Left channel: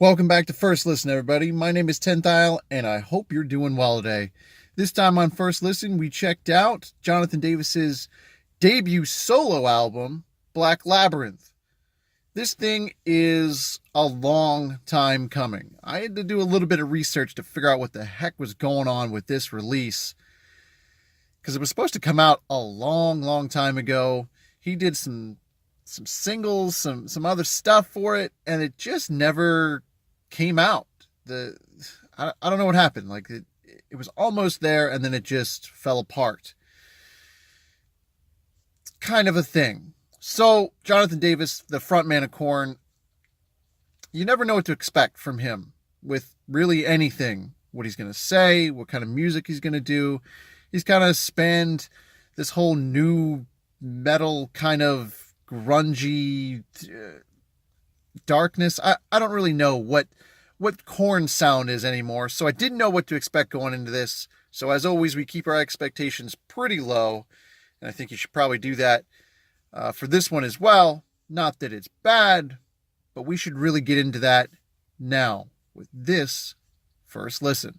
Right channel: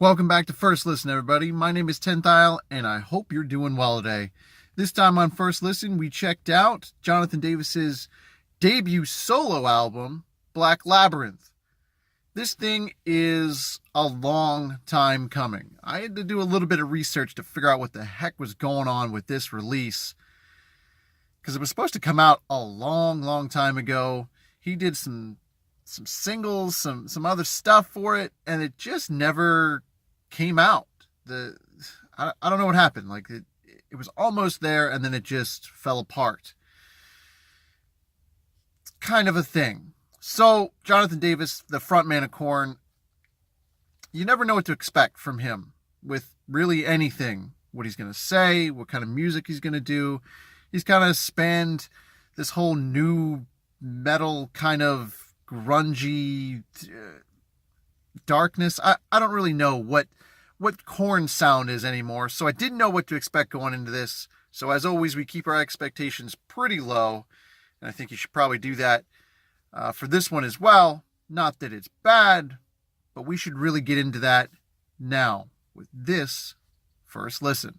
Welcome back to First Listen, everybody. My name is Tenthile, and I hope you're doing well today. This time on First Listen, we checked out Jonathan Davis's debut solo album, Black Labyrinth. This thing is a long time coming. I had to do a little bit of research to figure out what the heck was going on with this release, because it was supposed to come out a long time ago. He did some singles, some other stuff for it, and it just never came out. I don't know what happened. Like it was almost there, and then it just fell apart. It's kind of a thing. So Jonathan Davis, the frontman of Korn, you never know what to expect from him with really anything. What he's going to say, what kind of music he's going to do. He's kind of spanned this whole new metal kind of grungy darkness. I don't really know what Korn sound is anymore, so I didn't know what to expect going into this. So as always, we keep our expectations pretty low, and I think you should probably do that for this one as well. Not that it's bad, but we should really get into that now with this First Listen.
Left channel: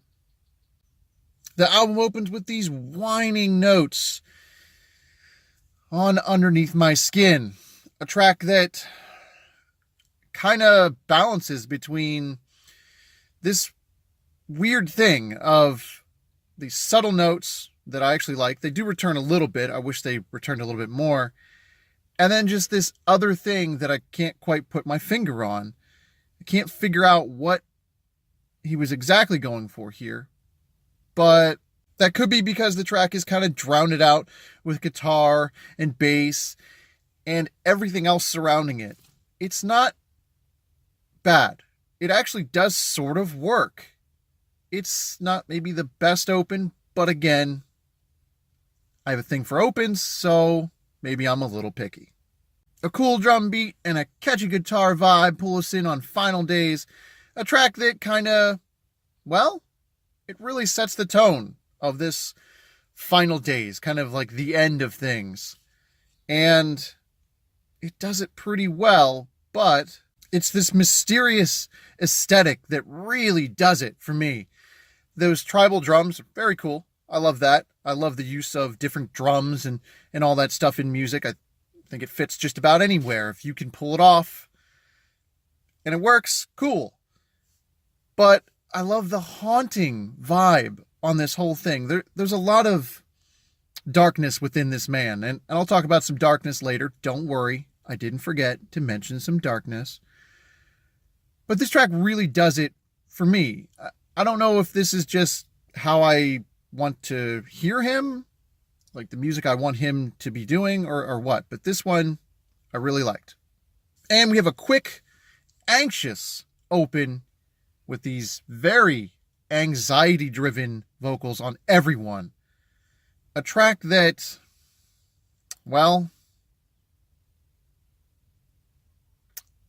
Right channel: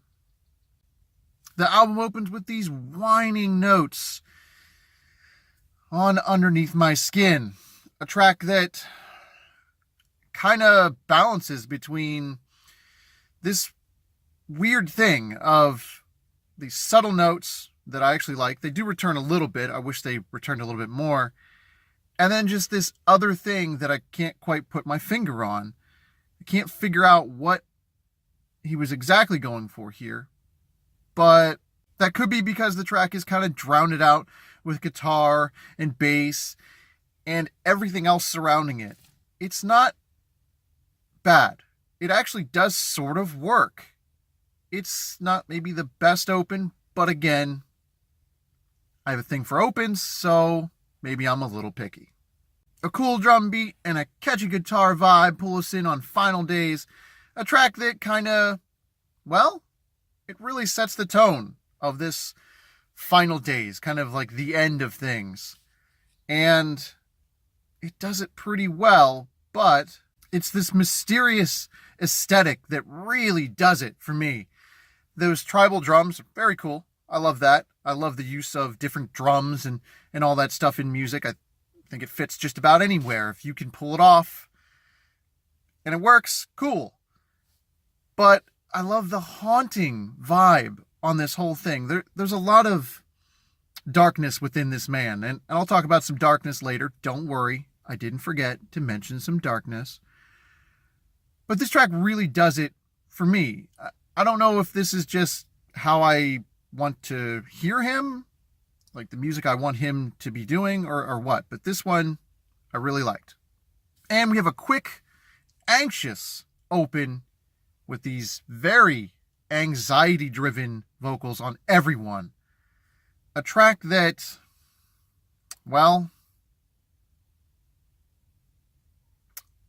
The album opens with these whining notes on Underneath My Skin, a track that kind of balances between this weird thing of these subtle notes that I actually like. They do return a little bit. I wish they returned a little bit more. And then just this other thing that I can't quite put my finger on. I can't figure out what he was exactly going for here. But that could be because the track is kind of drowned out with guitar and bass and everything else surrounding it. It's not bad. It actually does sort of work. It's not maybe the best open, but again, I have a thing for opens, so maybe I'm a little picky. A cool drum beat and a catchy guitar vibe pull us in on Final Days, a track that kind of, well, it really sets the tone of this Final Days, kind of like the end of things. And it does it pretty well, but it's this mysterious aesthetic that really does it for me. Those tribal drums are very cool. I love that. I love the use of different drums and all that stuff in music. I think it fits just about anywhere. If you can pull it off and it works, cool. But I love the haunting vibe on this whole thing. There's a lot of darkness within this man, and I'll talk about some darkness later. Don't worry, I didn't forget to mention some darkness. But this track really does it for me. I don't know if this is just how I want to hear him, like the music I want him to be doing, or what. But this one I really liked. And we have a quick, anxious open with these very anxiety-driven vocals on Everyone. A track that, well,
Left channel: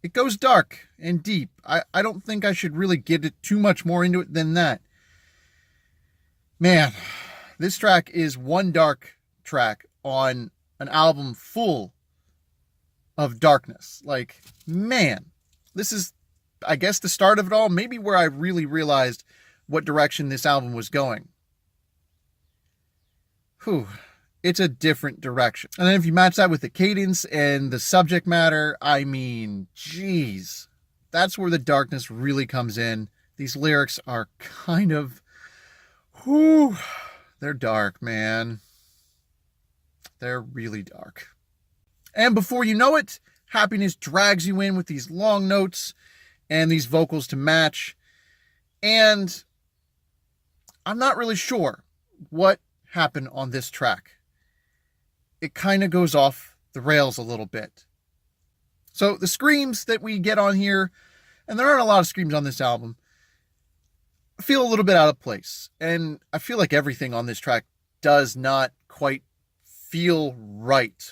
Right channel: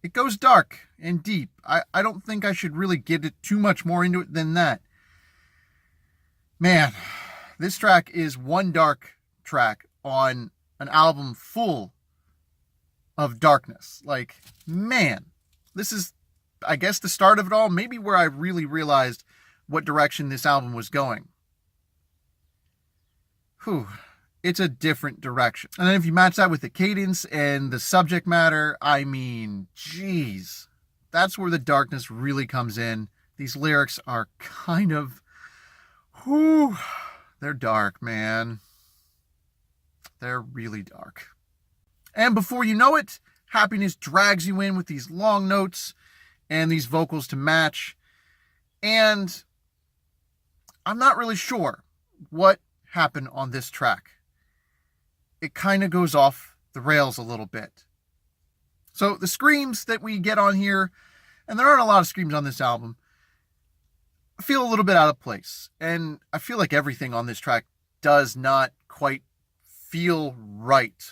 it goes dark and deep. I don't think I should really get it too much more into it than that. Man, this track is one dark track on an album full of darkness. Like, man, this is, I guess, the start of it all. Maybe where I really realized what direction this album was going. Whew. It's a different direction. And then if you match that with the cadence and the subject matter, I mean, geez, that's where the darkness really comes in. These lyrics are kind of, whew, they're dark, man. They're really dark. And before you know it, Happiness drags you in with these long notes and these vocals to match. And I'm not really sure what happened on this track. It kind of goes off the rails a little bit. So the screams that we get on here, and there aren't a lot of screams on this album, feel a little bit out of place. And I feel like everything on this track does not quite feel right.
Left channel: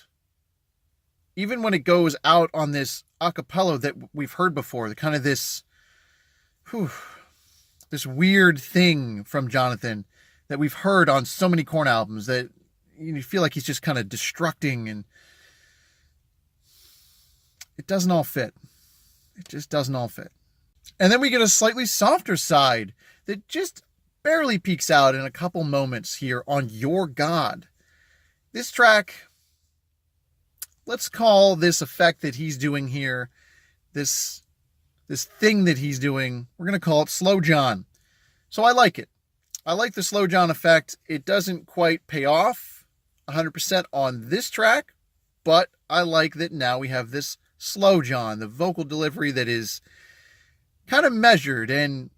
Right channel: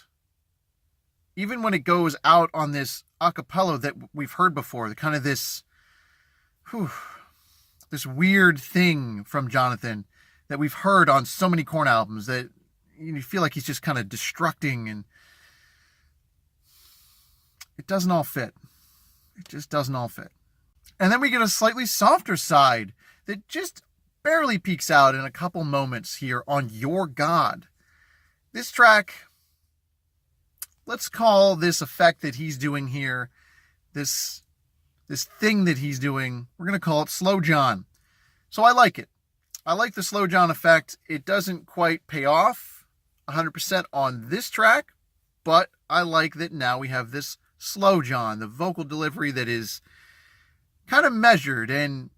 Even when it goes out on this a cappella that we've heard before, the kind of this weird thing from Jonathan that we've heard on so many Korn albums that you feel like he's just kind of destructing, and it doesn't all fit. It just doesn't all fit. And then we get a slightly softer side that just barely peeks out in a couple moments here on Your God. This track, let's call this effect that he's doing here, this thing that he's doing, we're going to call it Slow John. So I like it. I like the Slow John effect. It doesn't quite pay off 100% on this track, but I like that now we have this Slow John, the vocal delivery that is kind of measured and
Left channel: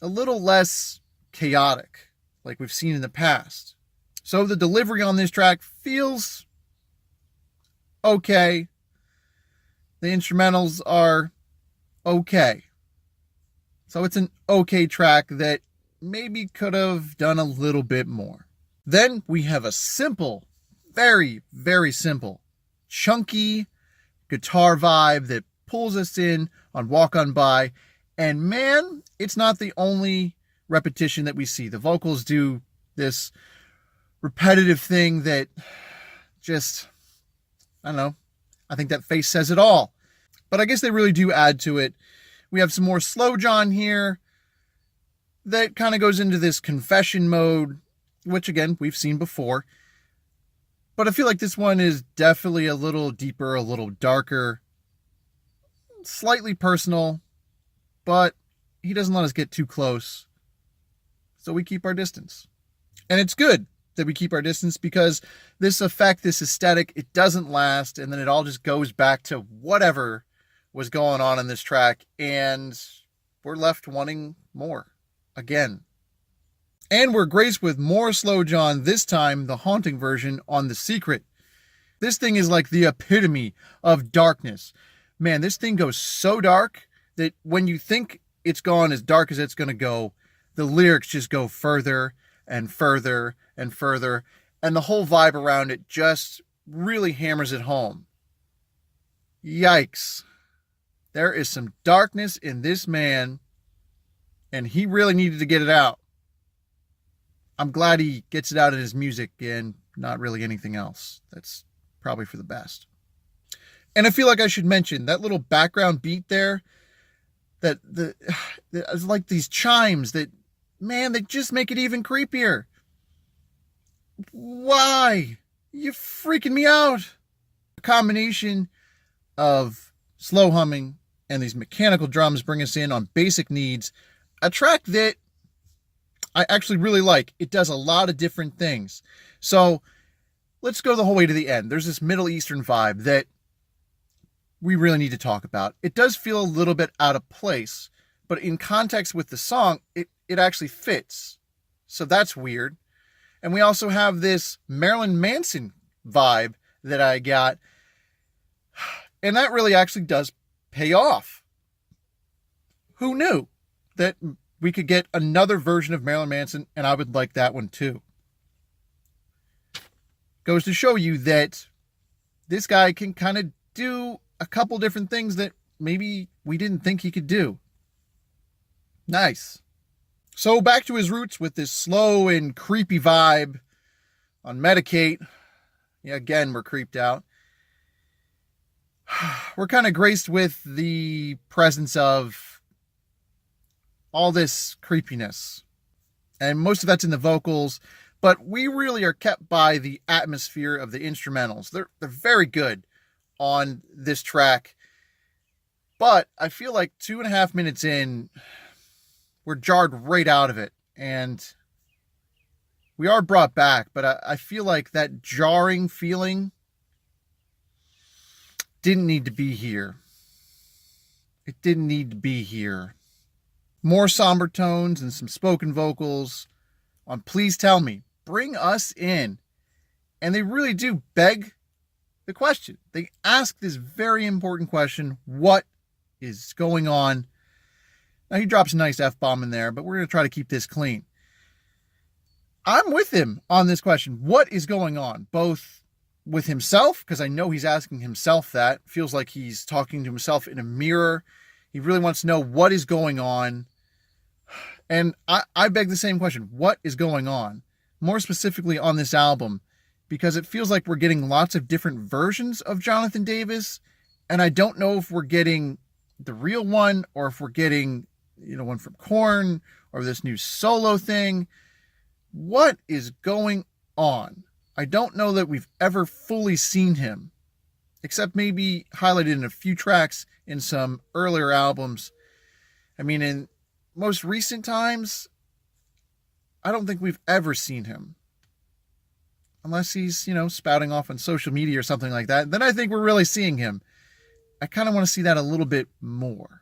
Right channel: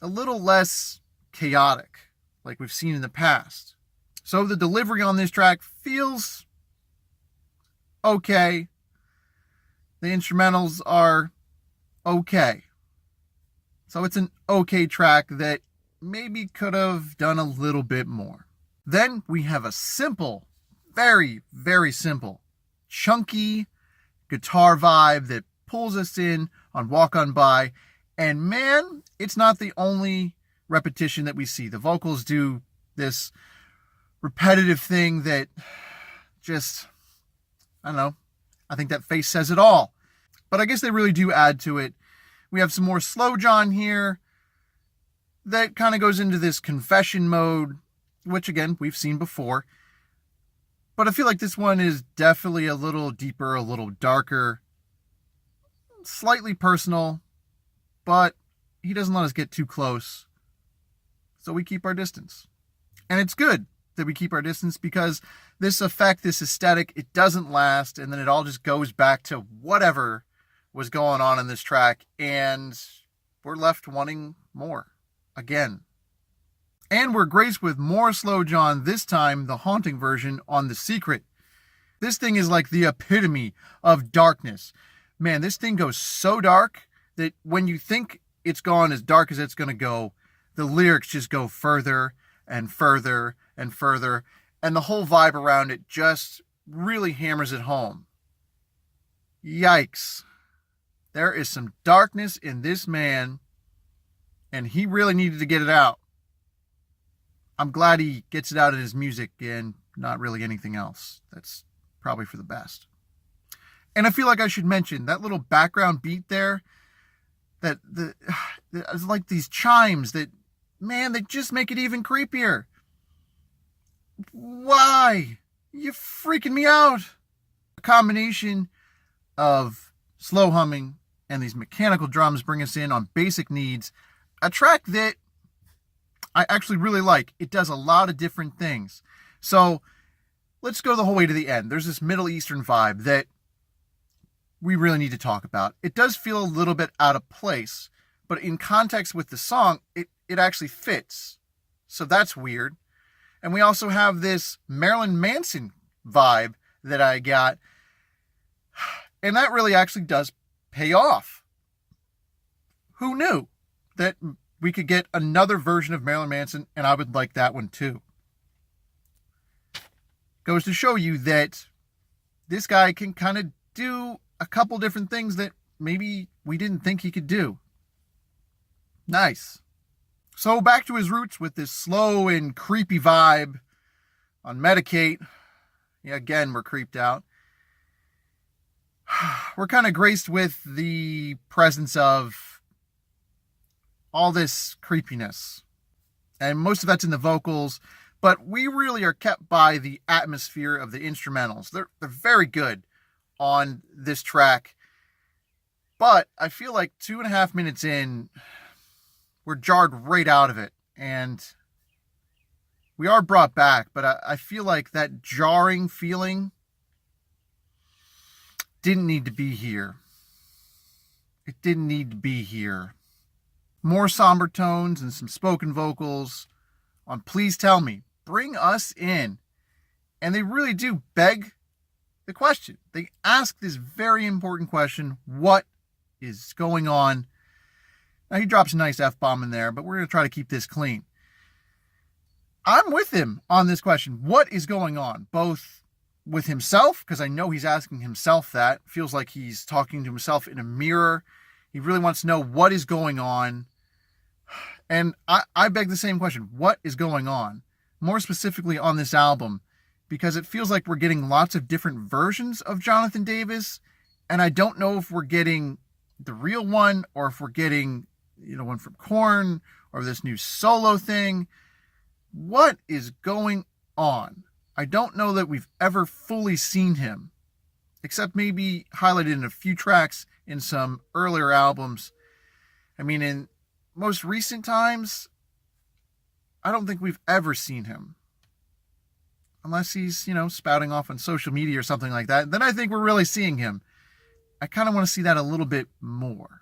a little less chaotic like we've seen in the past. So the delivery on this track feels okay. The instrumentals are okay. So it's an okay track that maybe could have done a little bit more. Then we have a simple, very, very simple, chunky guitar vibe that pulls us in on Walk On By. And man, it's not the only repetition that we see. The vocals do this repetitive thing that just, I don't know, I think that face says it all. But I guess they really do add to it. We have some more Slow John here that kind of goes into this confession mode, which again, we've seen before. But I feel like this one is definitely a little deeper, a little darker, slightly personal, but he doesn't let us get too close. So we keep our distance. And it's good that we keep our distance because this effect, this aesthetic, it doesn't last. And then it all just goes back to whatever was going on in this track. And we're left wanting more again. And we're graced with more Slow John, this time the haunting version on The Secret. This thing is like the epitome of darkness. Man, this thing goes so dark that when you think it's gone as dark as it's going to go, the lyrics just go further and further and further. And the whole vibe around it just really hammers it home. Yikes. There is some darkness in this man, and he really needed to get it out. I'm glad he gets it out in his music and not really anything else. That's probably for the best. And I feel like I should mention that little background beat there, that it's like these chimes that, man, they just make it even creepier. Why? You're freaking me out. A combination of slow humming and these mechanical drums bring us in on Basic Needs, a track that I actually really like. It does a lot of different things. So let's go the whole way to the end. There's this Middle Eastern vibe that we really need to talk about. It does feel a little bit out of place, but in context with the song, it actually fits. So that's weird. And we also have this Marilyn Manson vibe that I got. And that really actually does pay off. Who knew that we could get another version of Marilyn Manson, and I would like that one too. Goes to show you that this guy can kind of do a couple different things that maybe we didn't think he could do. Nice. So back to his roots with this slow and creepy vibe on Medicate. Yeah, again, we're creeped out. We're kind of graced with the presence of all this creepiness. And most of that's in the vocals, but we really are kept by the atmosphere of the instrumentals. They're very good on this track. But I feel like 2.5 minutes in, we're jarred right out of it. And we are brought back, but I feel like that jarring feeling didn't need to be here. It didn't need to be here. More somber tones and some spoken vocals on Please Tell Me. Bring us in. And they really do beg the question. They ask this very important question. What is going on? Now he drops a nice F-bomb in there, but we're going to try to keep this clean. I'm with him on this question. What is going on? Both with himself, because I know he's asking himself that. Feels like he's talking to himself in a mirror. He really wants to know what is going on. And I beg the same question. What is going on? More specifically on this album, because it feels like we're getting lots of different versions of Jonathan Davis. And I don't know if we're getting the real one or if we're getting one from Korn or this new solo thing. What is going on? I don't know that we've ever fully seen him, except maybe highlighted in a few tracks in some earlier albums. I mean, in most recent times, I don't think we've ever seen him. Unless he's, spouting off on social media or something like that. Then I think we're really seeing him. I kind of want to see that a little bit more.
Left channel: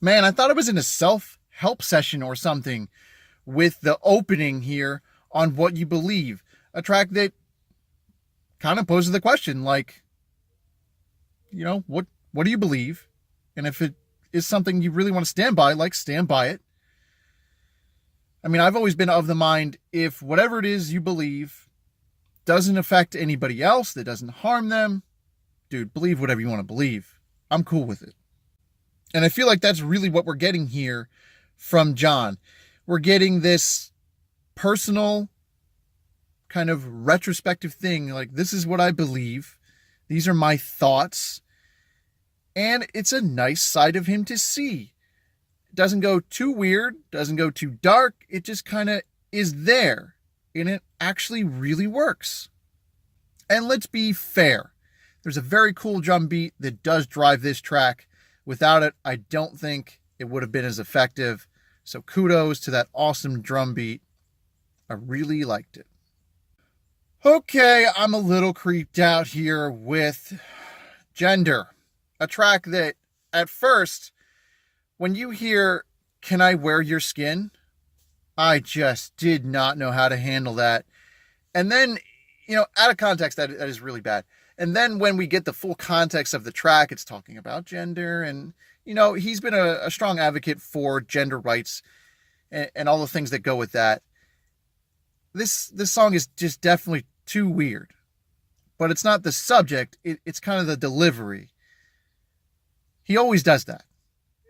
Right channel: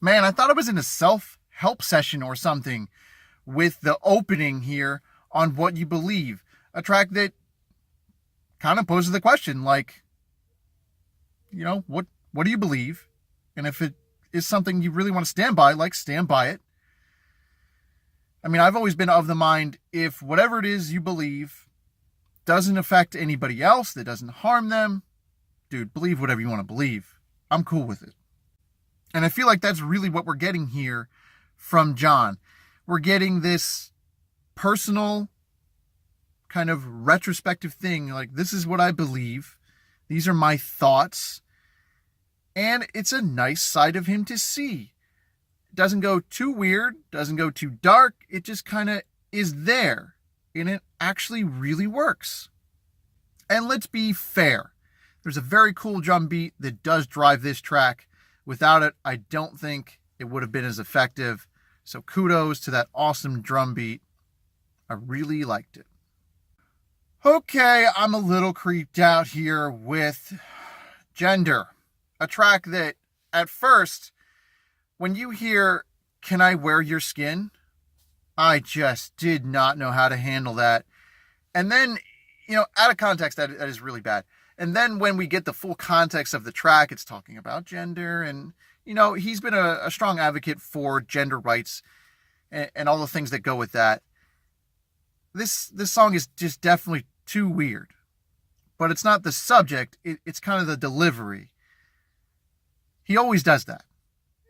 Man, I thought I was in a self-help session or something with the opening here on What You Believe. A track that kind of poses the question, like, what do you believe? And if it is something you really want to stand by, stand by it. I mean, I've always been of the mind, if whatever it is you believe doesn't affect anybody else, that doesn't harm them, dude, believe whatever you want to believe. I'm cool with it. And I feel like that's really what we're getting here from John. We're getting this personal kind of retrospective thing, like, this is what I believe. These are my thoughts. And it's a nice side of him to see. It doesn't go too weird, doesn't go too dark. It just kind of is there. And it actually really works. And let's be fair. There's a very cool drum beat that does drive this track. Without it, I don't think it would have been as effective. So kudos to that awesome drum beat. I really liked it. Okay, I'm a little creeped out here with Gender. A track that, at first, when you hear, "Can I wear your skin?" I just did not know how to handle that. And then, out of context, that is really bad. And then when we get the full context of the track, it's talking about gender. And, he's been a strong advocate for gender rights and all the things that go with that. This song is just definitely too weird. But it's not the subject. It's kind of the delivery. He always does that.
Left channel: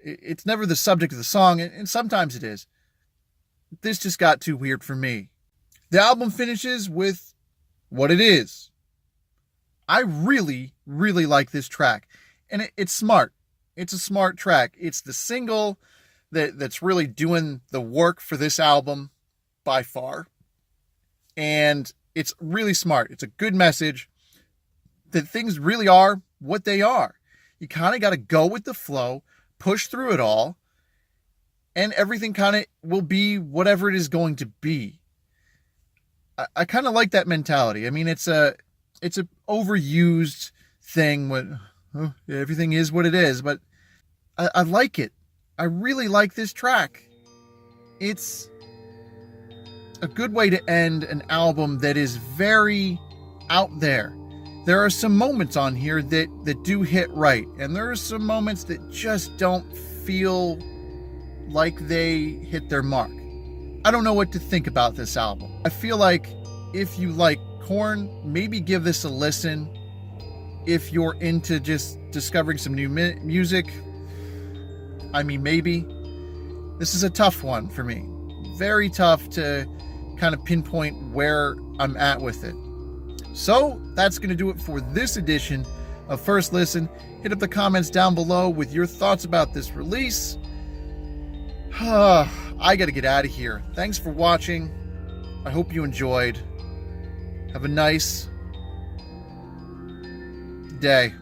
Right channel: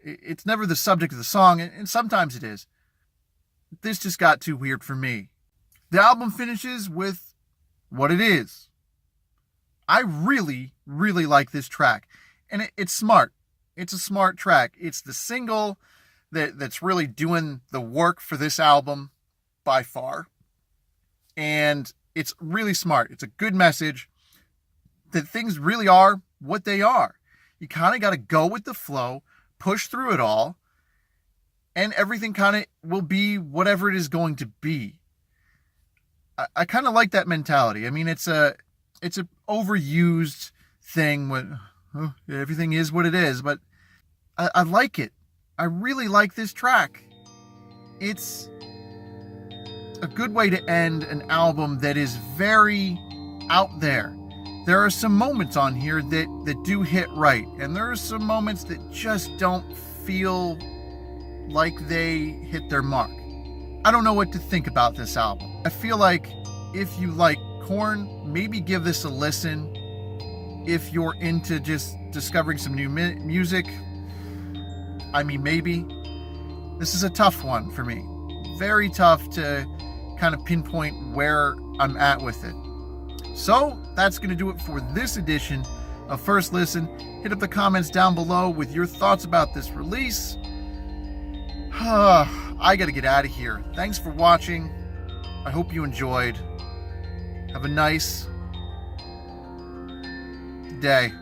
It's never the subject of the song, and sometimes it is. This just got too weird for me. The album finishes with what it is. I really, really like this track. And it's smart. It's a smart track. It's the single that's really doing the work for this album by far. And it's really smart. It's a good message that things really are what they are. You kind of got to go with the flow, push through it all, and everything kind of will be whatever it is going to be. I kind of like that mentality. I mean, it's a overused thing when everything is what it is, but I like it. I really like this track. It's a good way to end an album that is very out there. There are some moments on here that do hit right, and there are some moments that just don't feel like they hit their mark. I don't know what to think about this album. I feel like if you like Korn, maybe give this a listen. If you're into just discovering some new music, I mean, maybe. This is a tough one for me. Very tough to kind of pinpoint where I'm at with it. So that's going to do it for this edition of First Listen. Hit up the comments down below with your thoughts about this release. I got to get out of here. Thanks for watching. I hope you enjoyed. Have a nice day.